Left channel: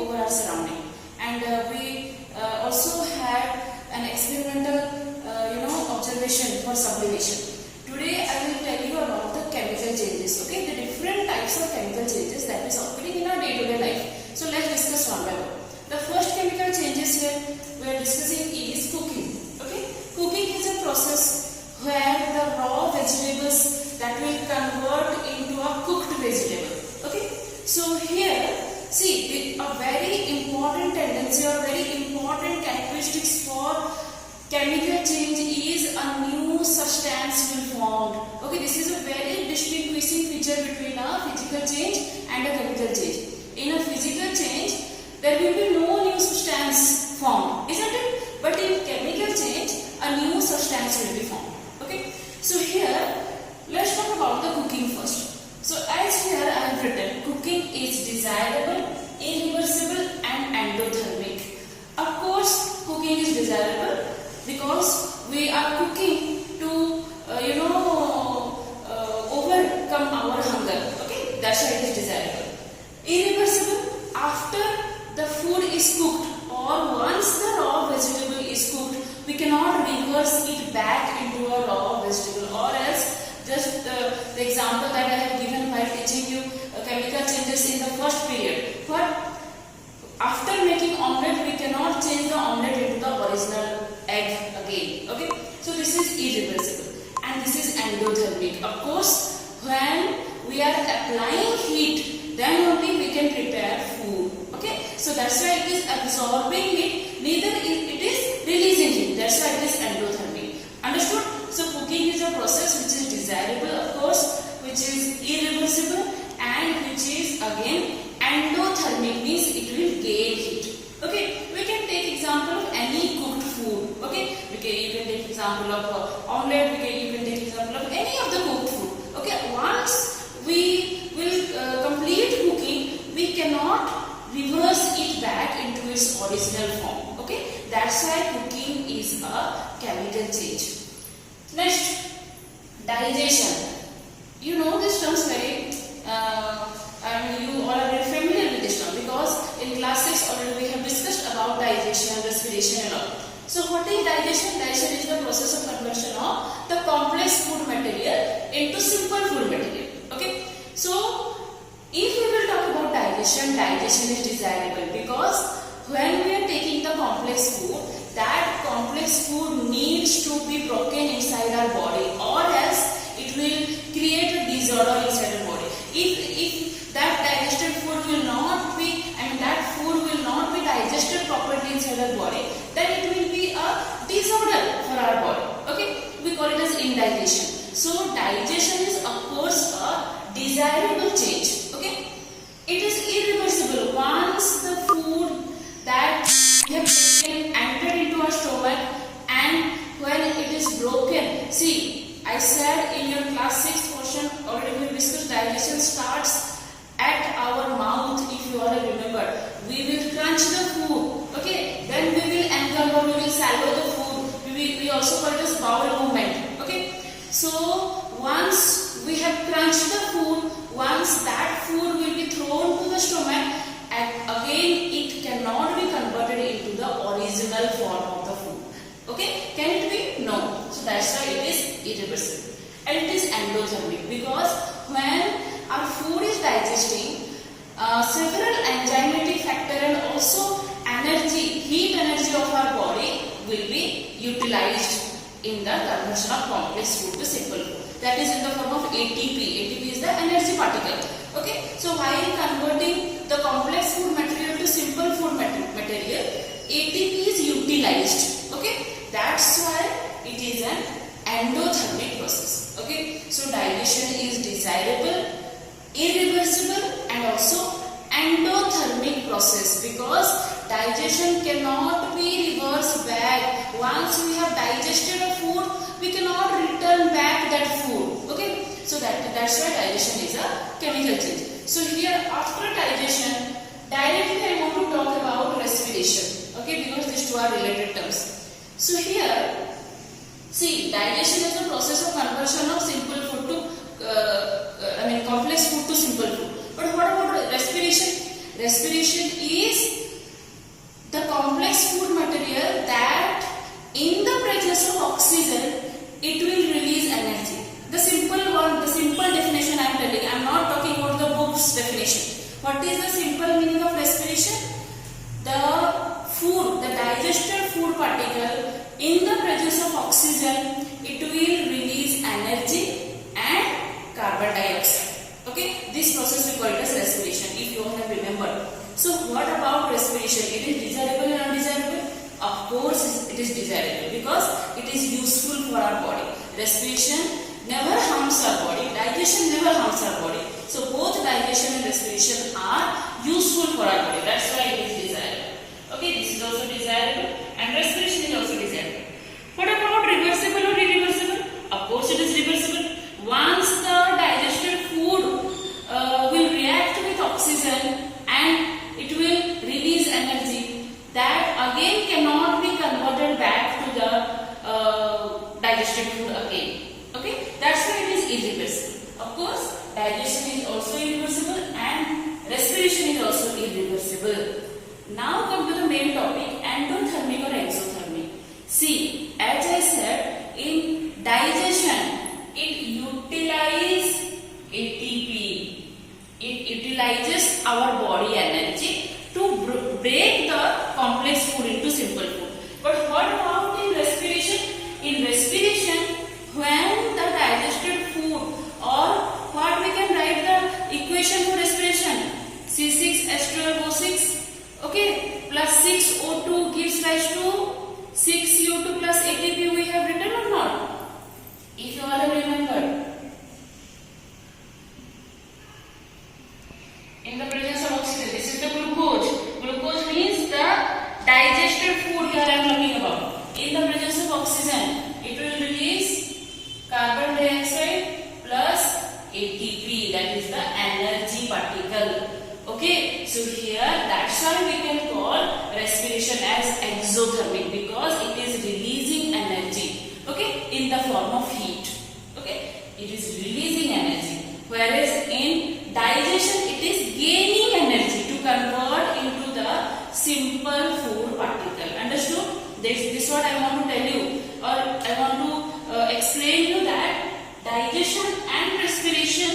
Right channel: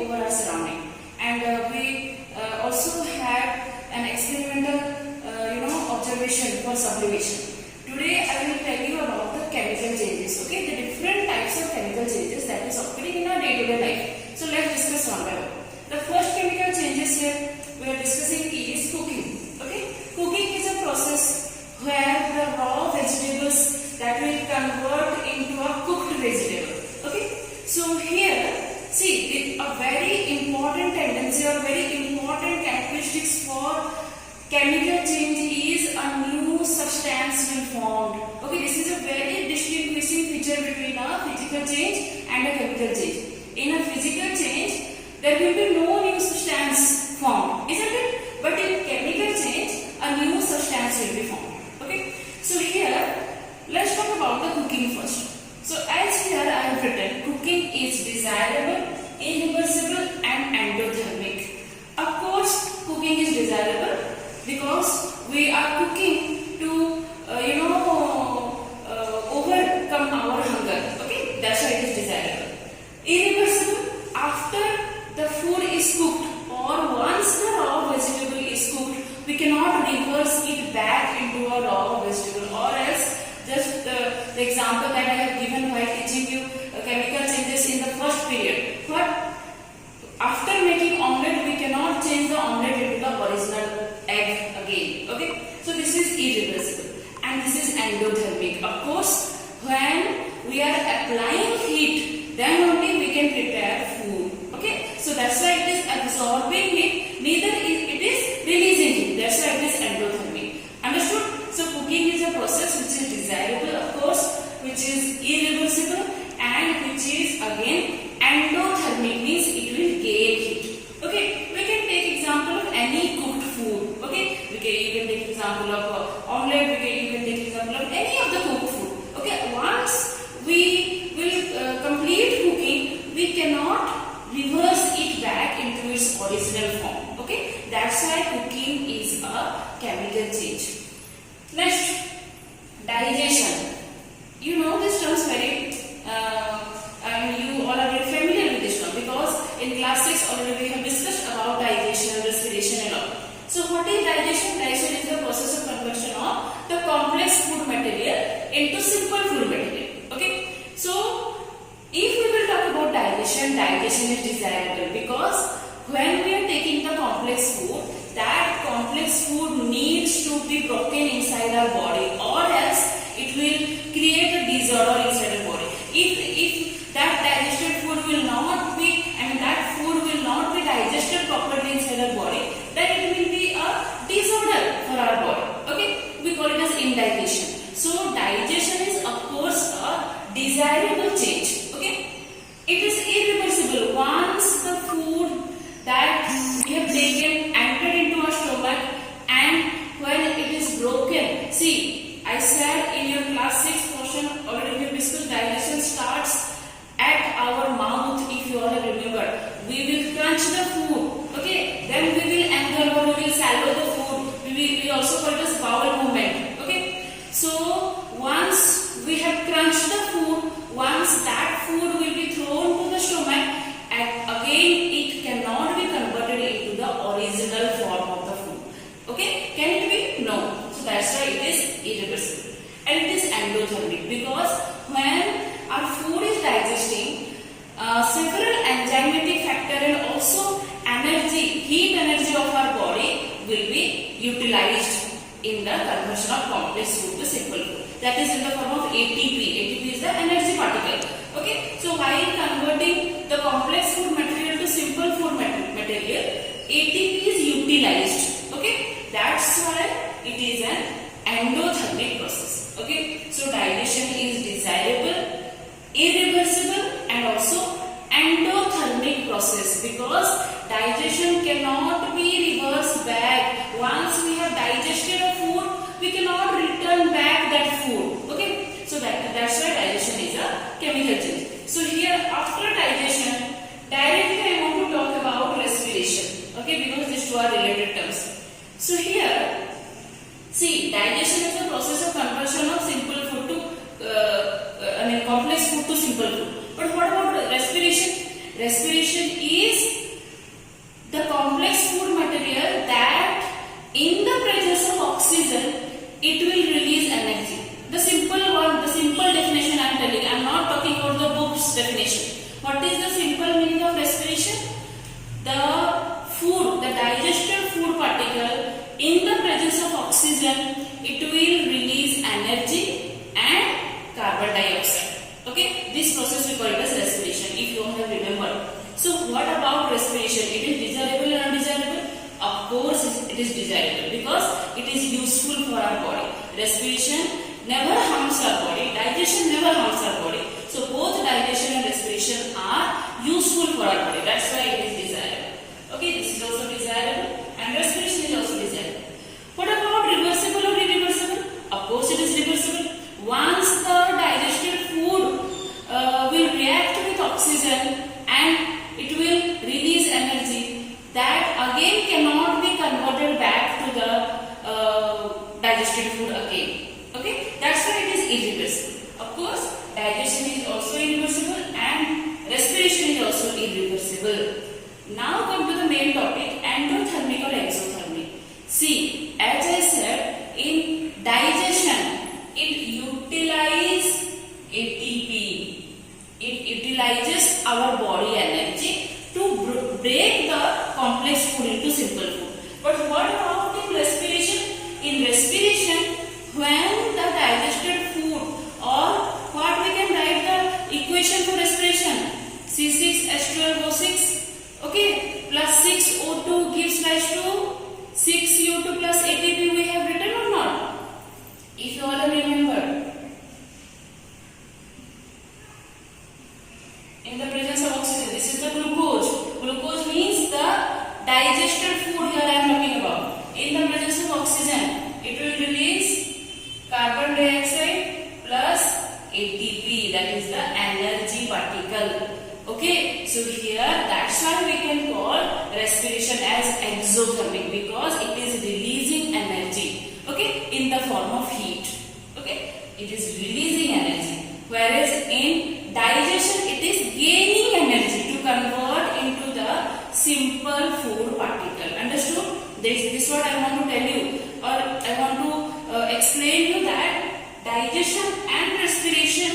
over our surrounding. And we also had an experimental observation for sublimation. Today I will tell you about the chemical changes, okay, the different types of chemical changes that is occurring in our day-to-day life. So let's discuss one by one. The first chemical changes here we are discussing is cooking. Okay, cooking is a process where the raw vegetables that will convert into a cooked vegetable. Okay, so here see a very important tendency or very important characteristics for chemical change is a new substance will formed. Okay, this is a very distinguishing feature between a physical change and a chemical change. In a physical change, there will be no new substance formed, isn't it? But in chemical change, a new substance will be formed. Okay, so here let's talk about the cooking first. So as here I have written, cooking is desirable, irreversible and endothermic. Of course, cooking is desirable because we are cooking to overcome our hunger. Okay, that's why it is desirable. Irreversible, after the food is cooked or once the raw vegetable is cooked, we cannot reverse it back into a raw vegetable, or else just the example that I have given while teaching you chemical changes in the first period. But after making omelette, we cannot change the omelette into the original egg again. Okay, so this is irreversible and this is endothermic. Of course, when we are applying heat, then only we can prepare food. Okay, so that's why it is absorbing heat, neither it is releasing heat. That's why it is endothermic. Understood? So cooking is a process which is desirable, of course, which is irreversible and which is again endothermic, means it will gain heat. Okay, we can take example of any cooked food. Okay, you can take example of omelette, you can take example of any of the cooked food. Okay, once we will complete cooking, we cannot reverse it back into its original form. Okay, that's why cooking is a chemical change. Next, digestion. You know this term very, you all are very familiar with this term because in class 6 already we have discussed about digestion, respiration and all. So what is digestion? Digestion is the process of conversion of the complex food material into simple food material. Okay, so if we will talk about digestion, digestion is desirable because when we are taking the complex food, that complex food needs to be broken inside our body, or else it will create a disorder inside our body. If that digested food will not be, that food will not be digested properly inside our body, then it will be a disorder for our body. Okay, we call it as indigestion. So digestion is of course a desirable change. Okay, it is irreversible. Once the food that we have taken entered into our stomach, and when it is broken, see, I said in your class 6 portion already we discussed digestion starts at our mouth. If you all remember, we will crunch the food. Okay, then we will engulf or we will swallow the food. We also call it as bowel movement. Okay, so once we have crunched the food, once that food will be thrown to the stomach, and again it cannot be converted into the original form of the food. Okay, can it be? No. So that's why it is irreversible. And it is endothermic because when our food is digesting, several enzymatic factor and also heat energy of our body will be utilized in the conversion of complex food to simple food. That is in the form of ATP. ATP is the energy particle. Okay, so while converting the complex food material to simple food material, ATP is utilized. Okay, that's why it is an endothermic process. Okay, so digestion is desirable, irreversible and also endothermic process because digestion cannot be reversed back. Once we have digested a food, we cannot return back that food. Okay, so that's why digestion is a chemical change. So here after digestion, directly I want to talk about respiration. Okay, because these two are related terms. So here, see, digestion is a process of conversion of simple food to complex food to simple food. But what about respiration? Respiration is food material that in the presence of oxygen it will release energy. The simple definition I am telling. I am not talking about the book's definition. What is the simple meaning of respiration? The food, the digested food particle in the presence of oxygen, it will release energy and carbon dioxide. Okay, this process we call it as respiration, if you have remembered. So what about respiration? It is desirable or undesirable? Of course it is desirable because it is useful for our body. Respiration never harms our body, digestion never harms our body. So both digestion and respiration are useful for our body. That's why it is desirable. Okay, this is also desirable and respiration is also desirable. What about reversible or irreversible? Of course it is reversible. Once the digested food will react with oxygen and it will release energy, that again cannot be converted back to the digested food again. Okay, that's why it is irreversible. Of course, digestion is also irreversible and respiration is also irreversible. Now come to the main topic, endothermic or exothermic. See, as I said, in digestion, it utilizes ATP. It utilizes our body energy to break the complex food into simple food. But what about in respiration? In respiration, when the digested food, or what we can write the equation for respiration, C6H12O6, okay, plus 6O2 gives rise to 6CO2 plus ATP. We have written or not? If you all have remembered. In the presence of oxygen, this is the glucose. Glucose means the digested food here I am talking about. In the presence of oxygen, it will release carbon dioxide plus ATP, that is the energy particle. Okay, so here that's why we can call respiration as exothermic, because it is releasing energy, okay, in the form of heat. Okay, it is releasing energy, whereas in digestion it is gaining energy to convert into the simple food particle. Understood? This is what I want to tell you, or I want to explain you that digestion and respiration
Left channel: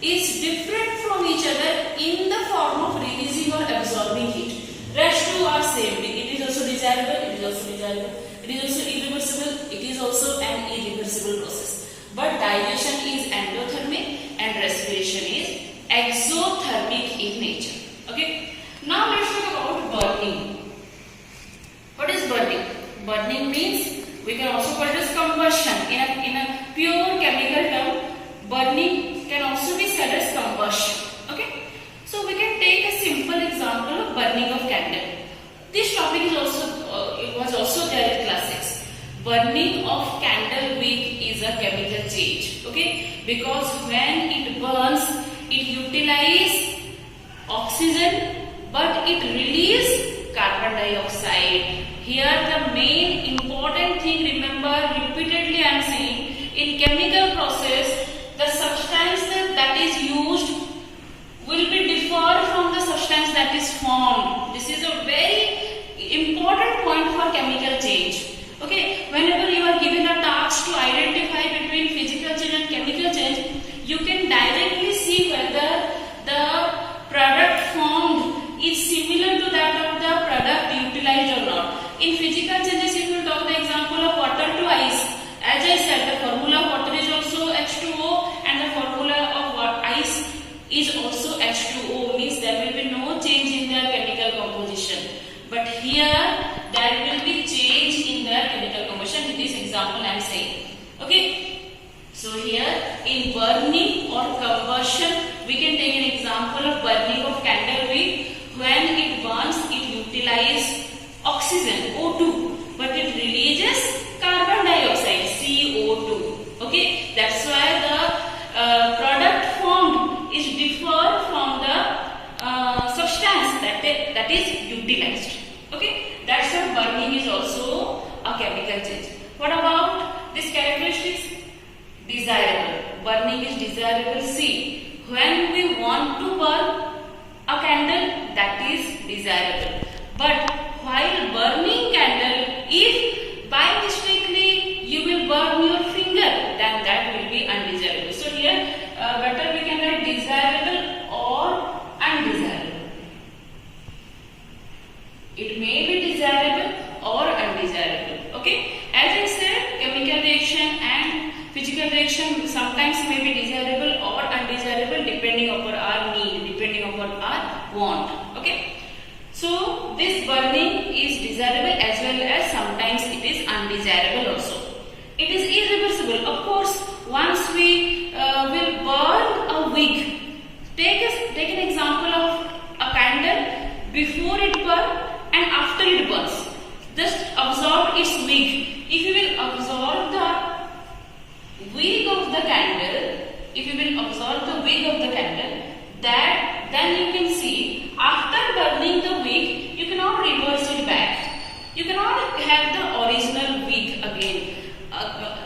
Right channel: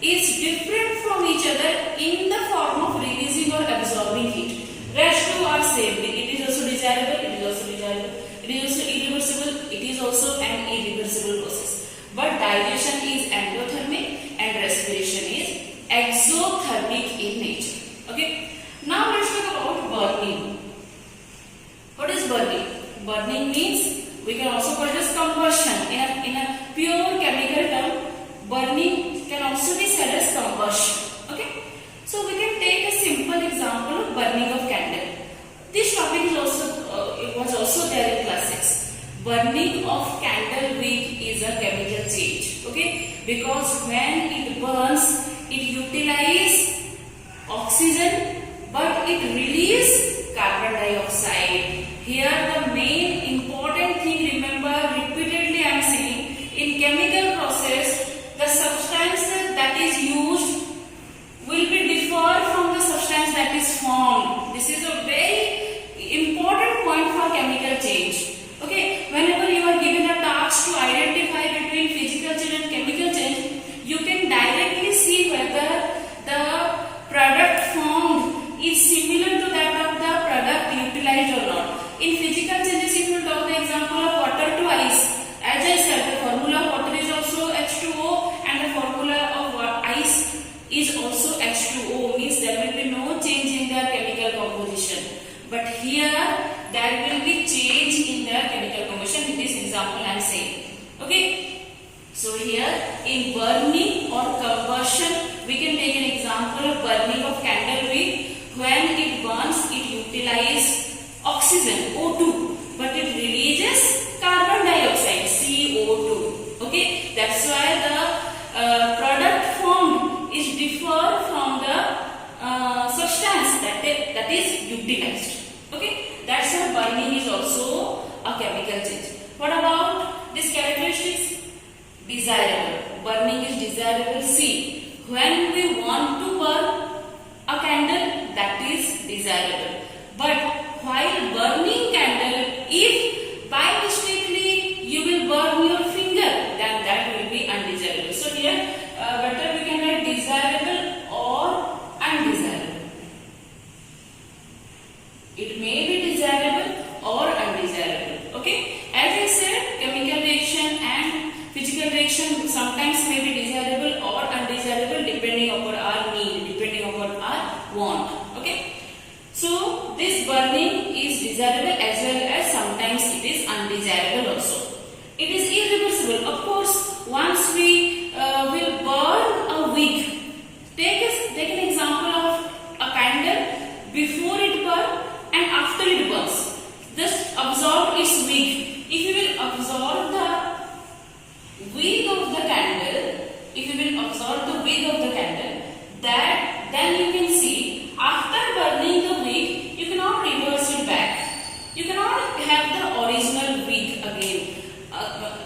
is different from each other in the form of releasing or absorbing heat. Rest two are same. It is also desirable, it is also desirable. It is also irreversible, it is also an irreversible process. But digestion is endothermic and respiration is exothermic in nature. Okay. Now let's talk about burning. What is burning? Burning means, we can also call it as combustion. In a pure chemical term, burning can also be said as combustion. Okay. So we can take a simple example of burning of candle. This topic is also it was also there in class 6. Burning of candle wick is a chemical change. Okay, because when it burns, it utilizes oxygen, but it releases carbon dioxide. Here the main important thing, remember, repeatedly I am saying, in chemical process, the substance that is used will be differ from the substance that is formed. This is a very important point for chemical change. Okay, whenever you are given a task to identify between physical change and chemical change, you can directly see whether the product formed is similar to that of the product utilized or not. In physical changes, if you talk the example of water to ice, as I said, the formula of water is also H2O and the formula of ice is also H2O, means there will be no change in their chemical composition. But here there will be change in their chemical composition. In this example I am saying. Okay. So here in burning or combustion, we can take an example of burning of candle wick. When it burns, it utilizes oxygen O2, but it releases carbon dioxide CO2. Okay, that's why the product formed is differ from the substance that is utilized. Okay, that's why burning is also a chemical change. What about this characteristics? Desirable. Burning is desirable. See, when we want to burn a candle, that is desirable. But while burning want. Okay. So this burning is desirable as well as sometimes it is undesirable also. It is irreversible. Of course, once we will burn a wick, take an example of a candle before it burns and after it burns. Just absorb its wick. If you will absorb the wick of the candle, that then you can see after burning the wick, you cannot reverse it back. You cannot have the original wick again.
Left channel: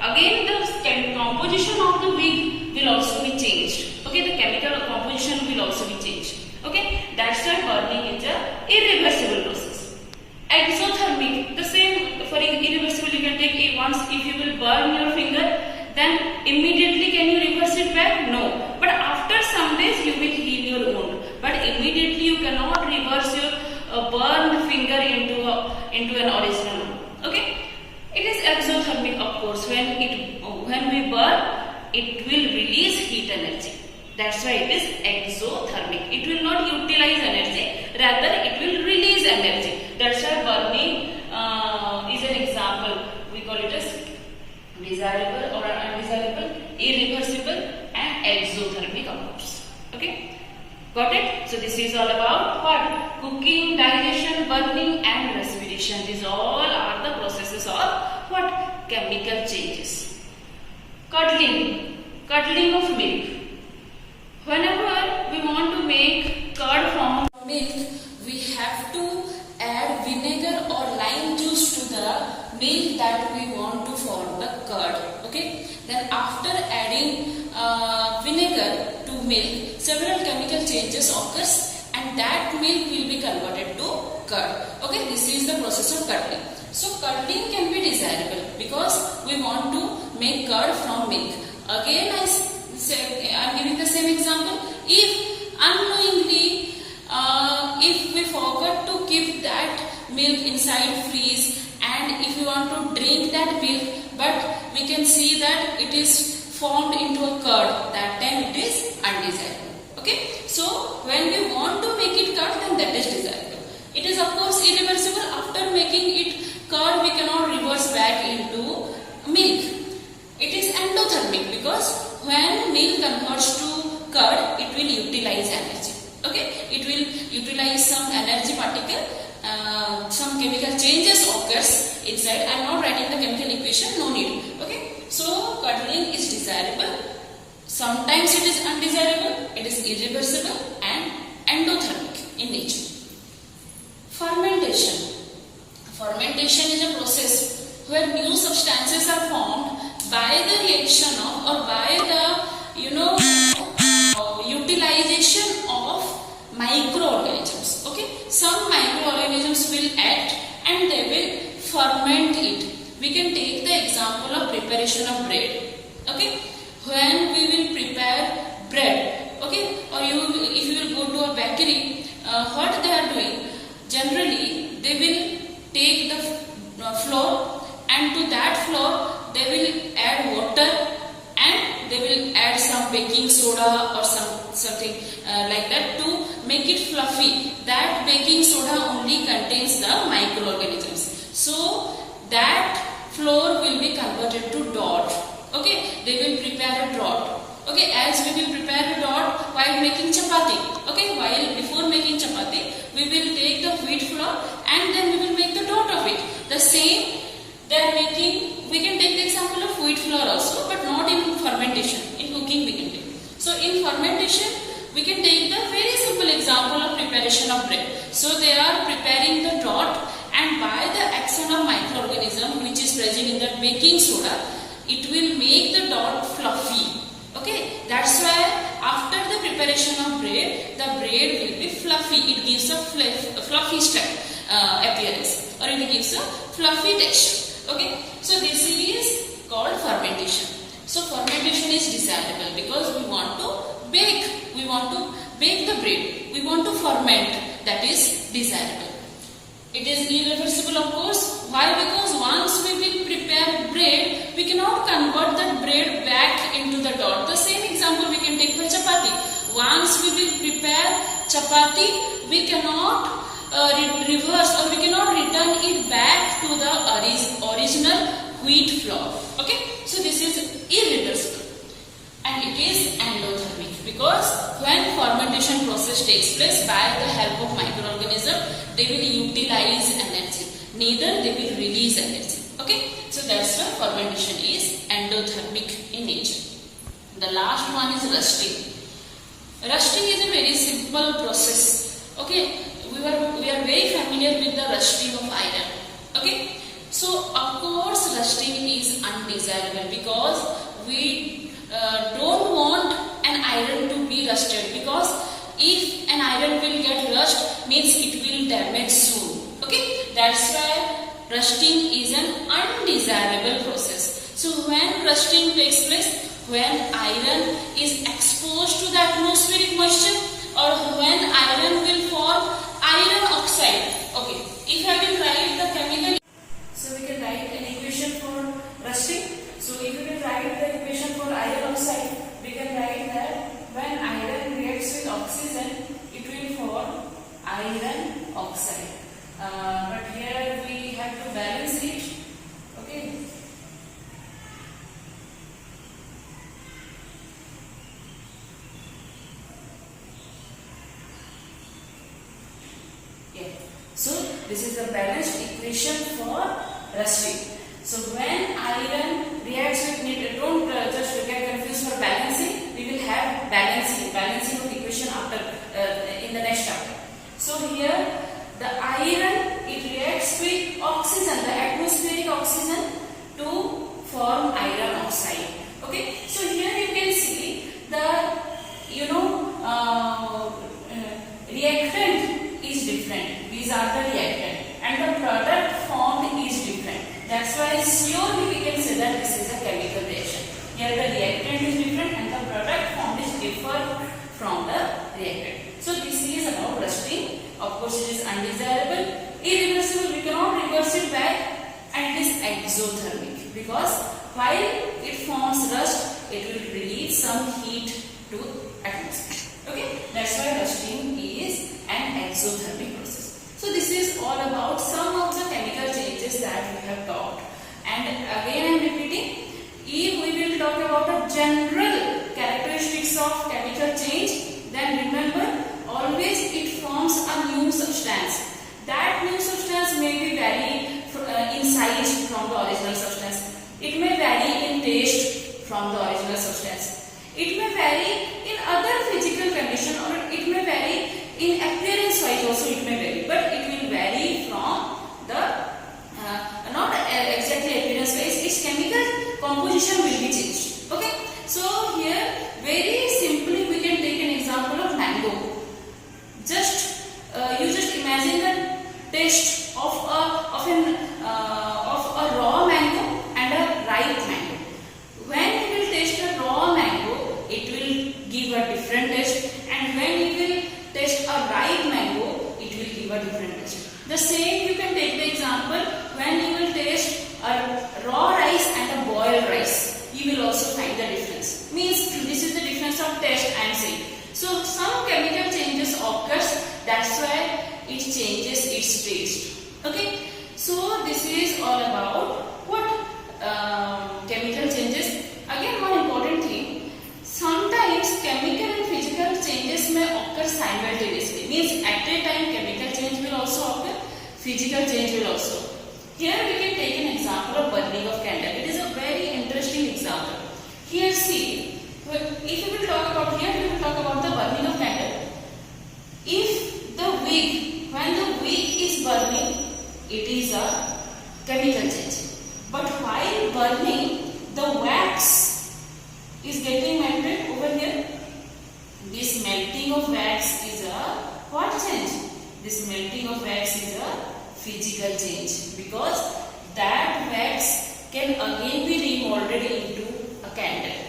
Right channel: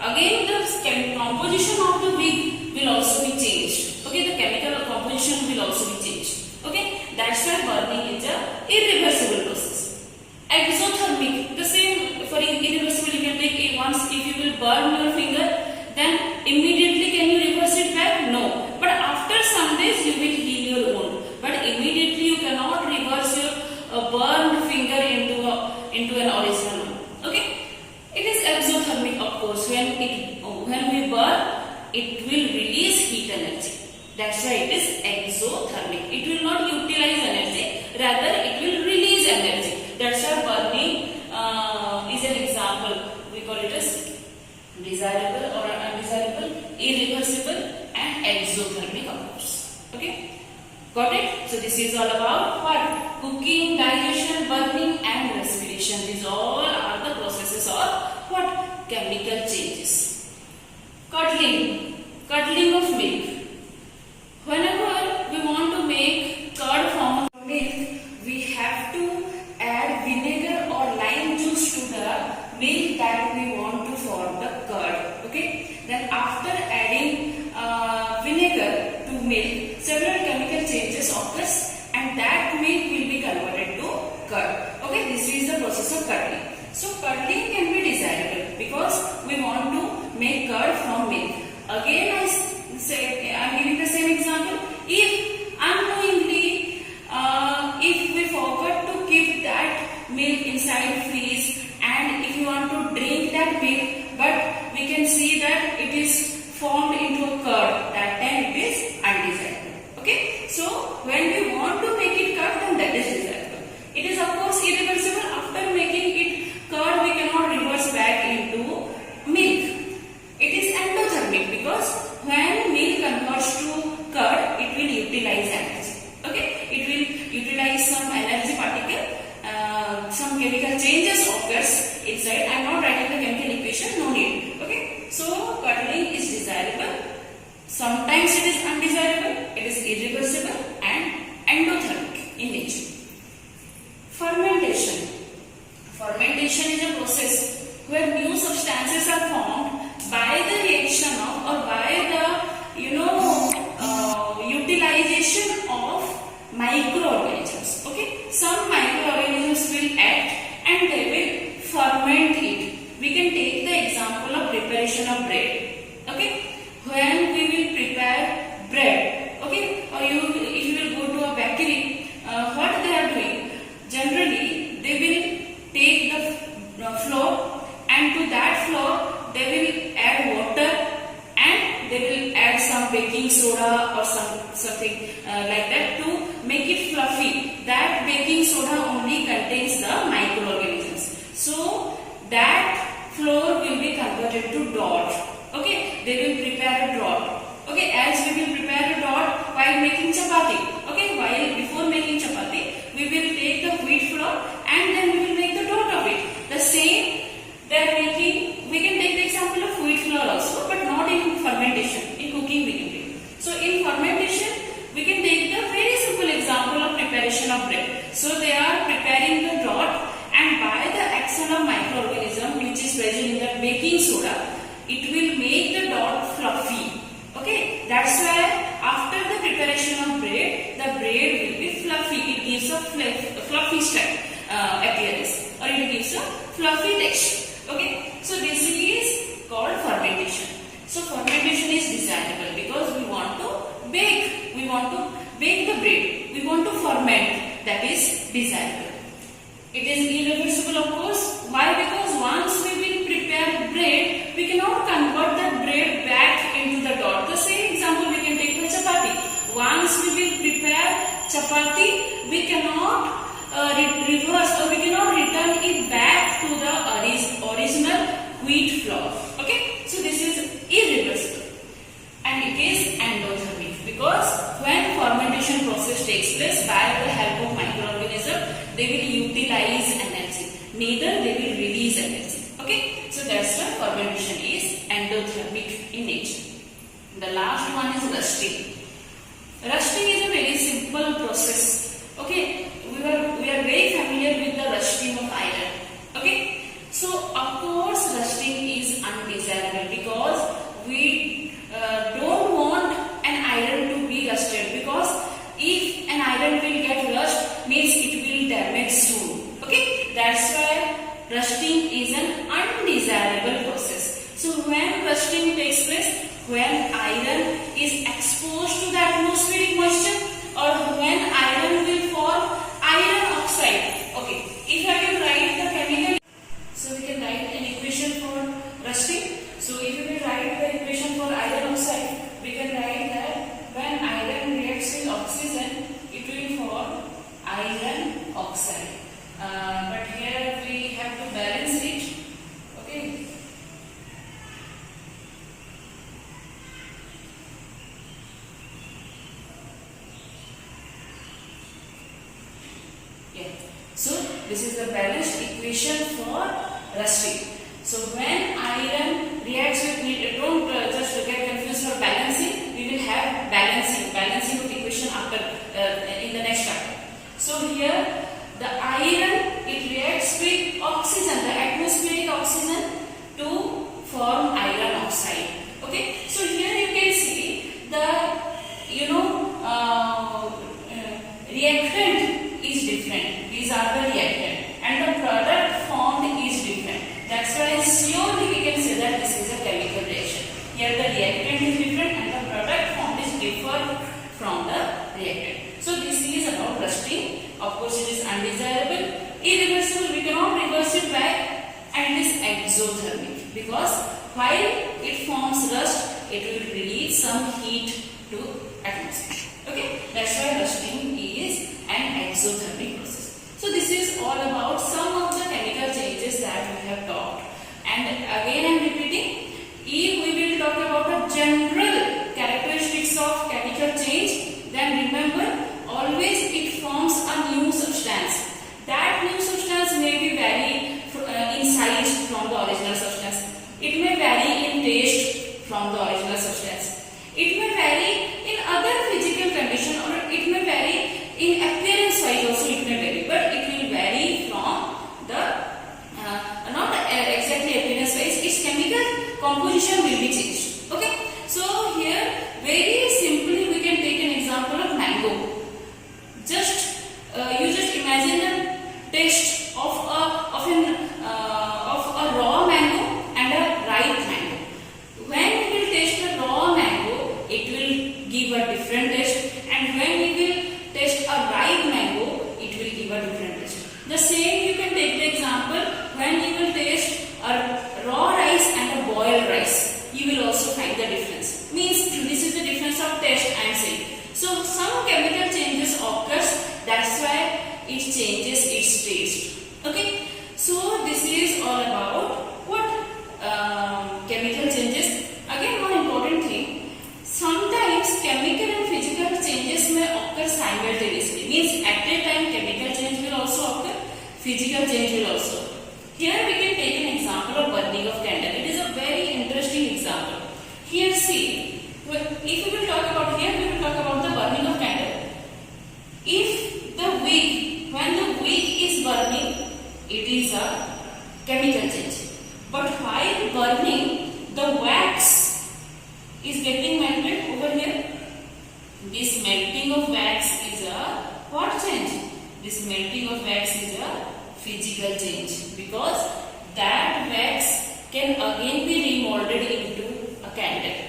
Again, the composition of the wick will also be changed. Okay, the chemical composition will also be changed. Okay, that's why burning is a irreversible process. Exothermic, the same for irreversible. You can take it once. If you will burn your finger, then immediately can you reverse it back? No. But after some days you will heal your wound. But immediately you cannot reverse your burned finger into an original one. Okay. It is exothermic, of course. When we burn, it will release heat energy. That's why it is exothermic. It will not utilize energy, rather it will release energy. That's why burning is an example. We call it as desirable or undesirable, irreversible and exothermic, of course. Okay. Got it? So this is all about what? Cooking, digestion, burning and respiration. These all are the processes of what? Chemical changes. Curdling of milk. Whenever we want to make curd from milk, we have to add vinegar or lime juice to the milk that we want to form the curd. Okay. Then after adding vinegar to milk, several chemical changes occurs and that milk will be converted to curd. Okay, this is the process of curdling. So curdling can be desirable because we want to make curd from milk. Again, I am giving the same example. If unknowingly, if we forgot to keep that milk inside freeze, and if you want to drink that milk, but we can see that it is formed into a curd, that time it is undesirable. Okay, so when we want to make it curd, then that is desirable. It is of course irreversible. After making it curd, we cannot reverse back into milk. It is endothermic because when milk converts to curd, it will utilize energy. Okay, it will utilize some energy particle. Some chemical changes occurs inside. I am not writing the chemical equation, no need. Okay, so curdling is desirable. Sometimes it is undesirable. It is irreversible and endothermic in nature. Fermentation. Fermentation is a process where new substances are formed by the reaction of or by the utilization of microorganisms. Okay, some microorganisms will act and they will ferment it. We can take the example of preparation of bread. Okay, when we will prepare bread, okay, or if you will go to a bakery, what they are doing? Generally, they will take the flour and to that flour they will add water and they will add some baking soda or something like that to make it fluffy. That baking soda only contains the microorganisms. So that flour will be converted to dough. Okay, they will prepare a dough. Okay, as we will prepare a dough while making chapati. Okay, while before making chapati, we will take the wheat flour and then we will make the dough of it. The same they are making. We can take the example of wheat flour also, but not in fermentation. In cooking we can take. So in fermentation, we can take the very simple example of preparation of bread. So they are preparing the dough and by the action of microorganism which is present in the baking soda, it will make the dough fluffy. Okay, that's why after the preparation of bread, the bread will be fluffy. It gives a fluffy appearance, or it gives a fluffy texture. Okay, so this is called fermentation. So fermentation is desirable because we want to bake. We want to bake the bread. We want to ferment. That is desirable. It is irreversible, of course. Why? Because once we will prepare bread, we cannot convert that bread back into the dough. The same example we can take for chapati. Once we will prepare chapati, we cannot reverse or we cannot return it back to the original wheat flour. Okay, so this is irreversible and it is endothermic, because when fermentation process takes place by the help of microorganism, they will utilize energy, neither they will release energy. Okay, so that's why fermentation is endothermic in nature. The last one is rusting. Rusting is a very simple process. Okay, we are very familiar with the rusting of iron. Okay, so of course rusting is undesirable, because we don't want an iron to be rusted, because if an iron will get rust, means it will damage soon. Okay, that's why rusting is an undesirable process. So when rusting takes place, when iron is exposed to the atmospheric moisture, or when iron will form iron oxide. Okay, if I will write the chemical, so we can write an equation for rusting. So if we will write the equation for iron oxide, we can write that when iron reacts with oxygen, it will form iron oxide. But here we have to balance it. Okay. So this is the balanced equation for rusting. So when iron reacts with, don't just get confused for balancing. We will have balancing of equation after in the next chapter. So here the iron, it reacts with oxygen, the atmospheric oxygen, to form iron oxide. Okay. So here you can see the reactant is different. These are the reactant, and the product formed is different. That's why slowly we can say that this is a chemical reaction. Here the reactant is different and the product formed is different from the reactant. So this is about rusting. Of course it is undesirable, irreversible, we cannot reverse it back, and it is exothermic, because while it forms rust, it will release some heat to atmosphere. Okay, that's why rusting is an exothermic process. So this is all about some of the chemical changes that we have talked. And again I am repeating, if we will talk about the general characteristics of chemical change, then remember, always it forms a new substance. That new substance may be vary in size from the original substance. It may vary in taste from the original substance. It may vary in other physical condition, or it may vary in appearance wise also it may vary, but it will vary from the not exactly appearance wise, its chemical composition will be changed. Okay, so here very simply we can take an example of mango. You just imagine the taste of a raw mango and a ripe mango. When we will taste a raw mango, it will give a different taste, and when we will taste a ripe mango, it will give a different taste. The same you can take the example when you will taste a raw rice and a boiled rice. You will also find the difference. Means this is the difference of taste I am saying. So some chemical changes occurs. That's why it changes its taste. Okay. So this is all about what chemical changes. Again, one important thing. Sometimes chemical and physical changes may occur simultaneously. Means at a time chemical change will also occur, physical change will also. Here we can take an example of burning of candle. It is a very interesting example. Here see, if we will talk about here, we will talk about the burning of candle. If the wick, when the wick is burning, it is a chemical change. But while burning, the wax is getting melted over here. This melting of wax is a what change? This melting of wax is a physical change, because that wax can again be remolded into a candle.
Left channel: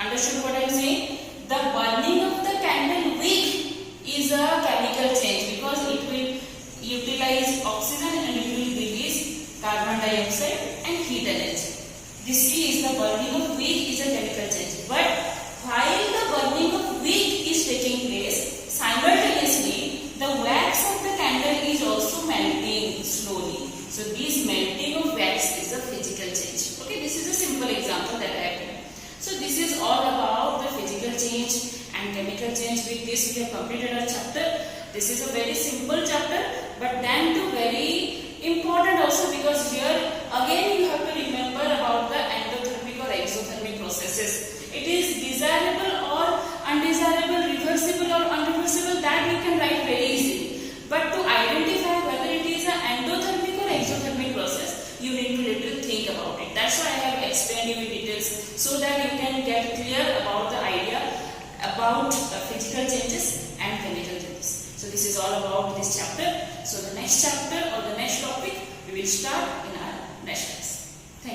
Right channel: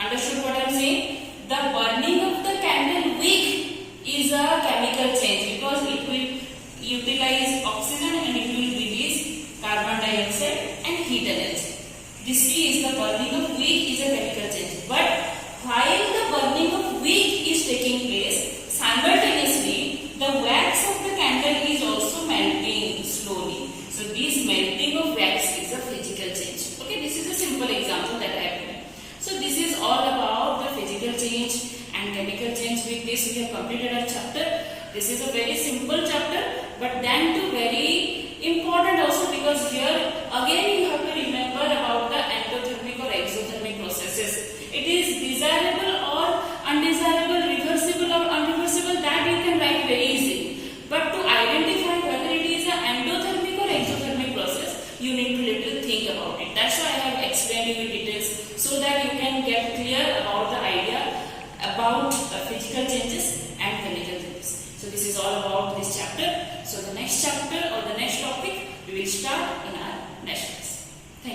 Understood what I am saying? The burning of the candle wick is a chemical change, because it will utilize oxygen and it will release carbon dioxide and heat energy. This is the burning of wick is a chemical change. But while the burning of wick is taking place, simultaneously friends, with this we have completed our chapter. This is a very simple chapter, but then too very important also, because here again you have to remember about the endothermic or exothermic processes. It is desirable or undesirable, reversible or unreversible, that you can write very easily. But to identify whether it is an endothermic or exothermic process, you need to little think about it. That's why I have explained you in details, so that you can get clear about the idea about physical changes and chemical changes. So this is all about this chapter. So the next chapter or the next topic we will start in our next class.